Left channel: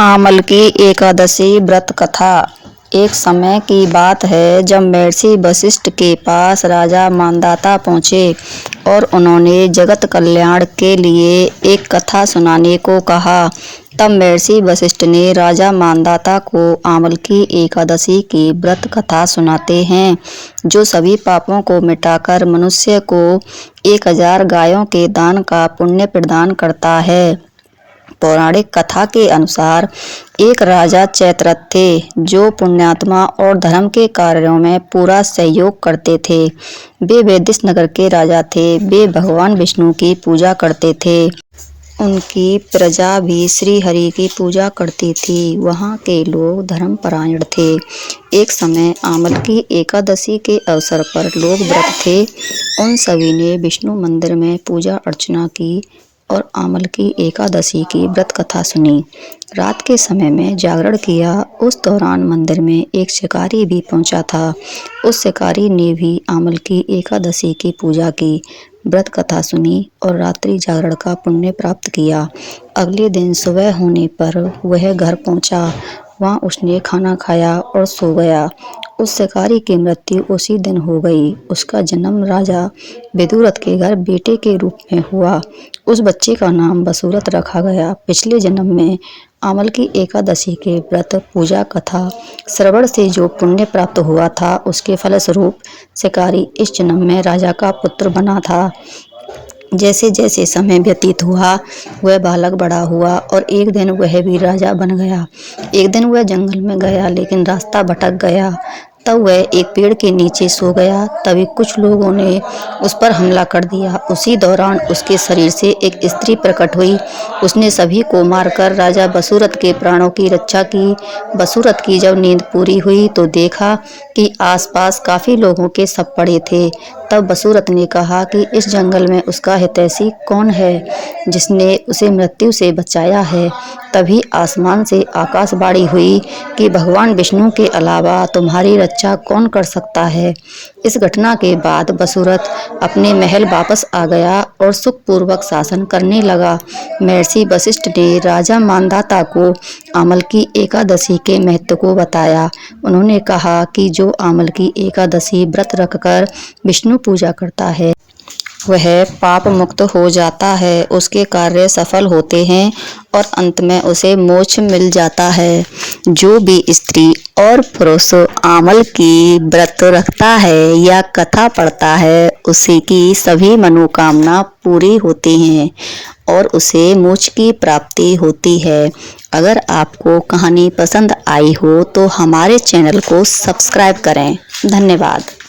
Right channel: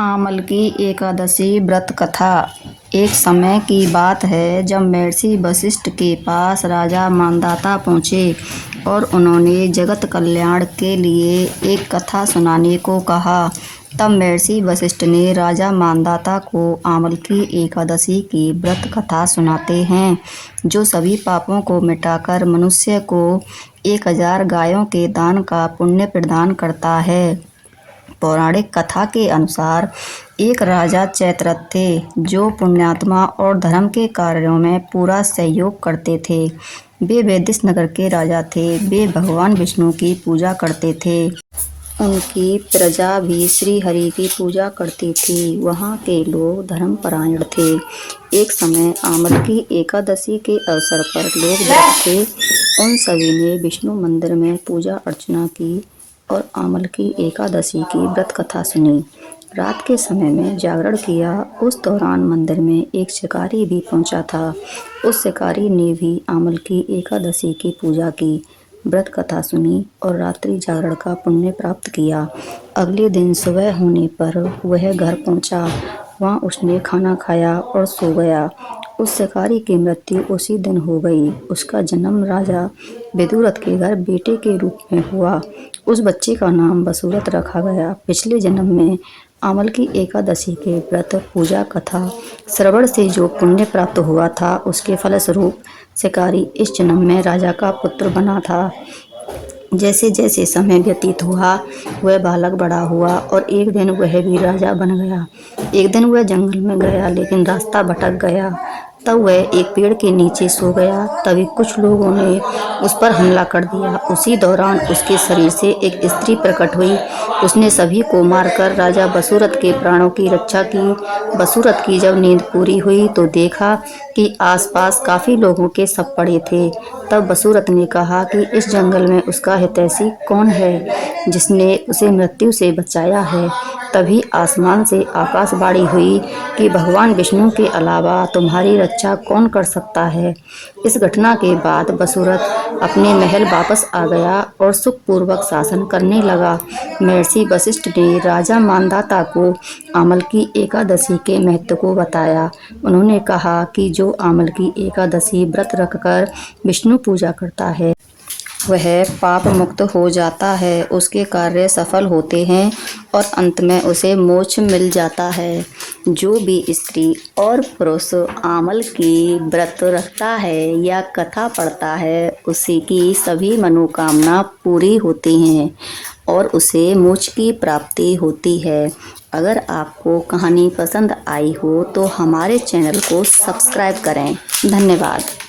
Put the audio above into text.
आमल की एकादशी व्रत कथा। एक समय की बात है जब महर्षि वशिष्ठ के पास राजा मांधाता पहुँचे और उन्होंने जगत कल्याण के लिए एक कथा सुनाने को कहा। तब महर्षि वशिष्ठ ने राजा मांधाता को आमल की एकादशी की व्रत कथा सुनाते हैं, जो सभी पापों को मिटाकर मनुष्य को 1000 गायों के दान का पुण्य प्रदान करता है। पौराणिक कथा के अनुसार एक राजा चैत्ररथ थे, जो पुण्यात्मा और धर्म के कार्यों में पूरा सहयोग करते थे। वे वैदिश नगर के राजा थे। वे भगवान विष्णु की पूजा करते थे। उनकी प्रजा भी श्री हरि की पूजा करती थी। वहाँ के लोग धर्मपरायण थे। एक समय आमल की एकादशी के अवसर पर लोग व्रत थे। उन सभी ने विष्णु मंदिर में पूजा अर्चना की और आमल की एकादशी की व्रत कथा सुनी। रात के समय में जागरण किया। उस दौरान मंदिर में एक शिकारी भी पहुंचा था। उस शिकारी ने भी आमल की एकादशी की पूजा की, व्रत कथा सुनी और रात्रि जागरण का पुण्य प्राप्त किया। अगले दिन सुबह होने पर वह घर पहुंचा। वहां उसने खाना खाया और सो गया। उस शिकारी की मृत्यु उसी दिन हो गई। उसका जन्म राजा विदुरथ के घर बेटे के रूप में हुआ। उस बच्चे का नाम वसुरथ रखा गया। पिछले जन्म में आमल की एकादशी के व्रत पूजा कथा श्रवण से जो पुण्य प्राप्त हुआ था, उसके फलस्वरूप शिकारी इस जन्म में राजा का पुत्र बना था। जैसे जैसे समय व्यतीत हुआ, वह बालक बड़ा हुआ और एक दिन वह भी राजा बन गया। एक दिन वह जंगल में गया, लेकिन रास्ता भटक गया। तब वह एक पेड़ के नीचे सो गया। तभी कुछ लोगों ने उस पर हमला कर दिया। उसी दौरान उसके शरीर से एक स्त्री प्रकट हुई। उसने सभी को मारकर राजा वसुरथ के प्राणों की रक्षा की। वसुरथ की जब नींद पूरी हुई तो देखा कि आसपास काफी लोगों के शव पड़े थे। तब वसुरथ ने कहा कि इस जंगल में उसका हितैषी कौन है, जिसने उसे मृत्यु से बचाया है। तभी आसमान से आकाशवाणी हुई कि भगवान विष्णु के अलावा तुम्हारी रक्षा कौन कर सकता है। इस घटना के बाद वसुरथ अपने महल वापस आ गया और सुखपूर्वक शासन करने लगा। महर्षि वशिष्ठ ने राजा मांधाता को आमल की एकादशी के महत्व को बताया। उन्होंने कहा कि जो आमल की एकादशी व्रत रखकर विष्णु पूजा करता है, वह पाप मुक्त हो जाता है, उसके कार्य सफल होते हैं और अंत में उसे मोक्ष मिल जाता है। जो भी स्त्री और पुरुष आमल की व्रत रखता है या कथा पढ़ता है, उसी की सभी मनोकामना पूरी होती हैं और उसे मोक्ष की प्राप्ति होती है। अगर आपको कहानी पसंद आई हो तो हमारे चैनल को सब्सक्राइब करें। धन्यवाद।